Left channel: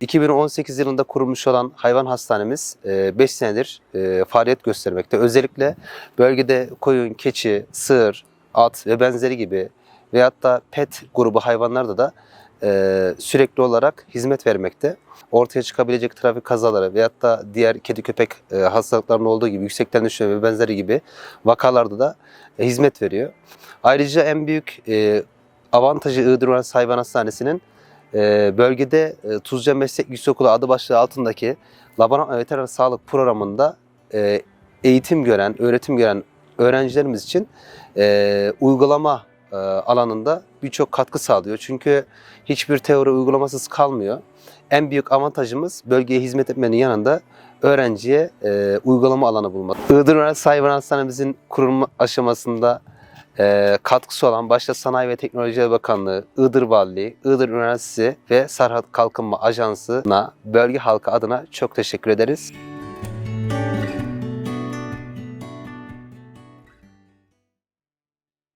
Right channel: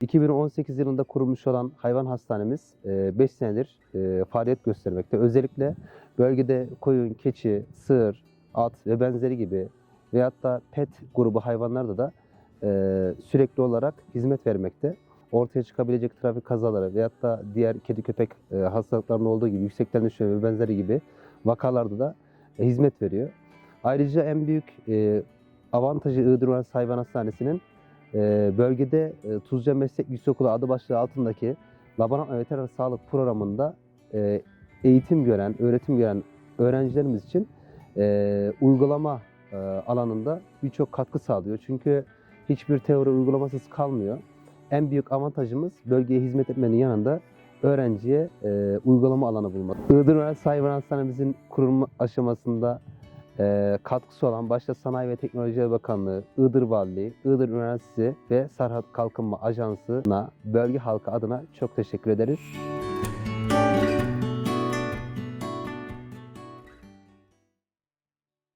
2018 yılında kurulmuş olan hayvan hastanemiz 5 senedir e, faaliyet göstermekte. Özellikle bölgede koyun, keçi, sığır, at ve benzeri gibi veyahut da pet grubu hayvanlarda da e, sürekli olarak hizmet vermekte. Ortaya çıkabilecek trafik kazaları veyahut da diğer kedi köpek e, hastalıklarının olduğu gibi yüksekten düşme ve benzeri gibi vakalarda da e, hizmet veriyor. Ayrıca en büyük e, avantajı Iğdır Üniversitesi Hayvan Hastanesi'nin e, bölgede e, Tuzca Meslek Yüksekokulu adı başlığı altındaki laboratuvar veteriner sağlık programında e, eğitim gören, öğretim gören öğrencilerimiz için e, uygulama e, alanında birçok katkı sağlıyor. Çünkü hiçbir teori uygulamasız kalmıyor. En büyük avantajımız bölgeye hizmet etmenin yanında öğrenciye e, uygulama alanı bulmak. Iğdır Üniversitesi Hayvan Hastanemizin kurulma aşamasında e, katkısı olan başta Sanayi ve Teknoloji Bakanlığı, Iğdır Valiliği, Iğdır Üniversitesi ve Serhat Kalkınma Ajansı'na bölge halkı adına çok teşekkür ederiz.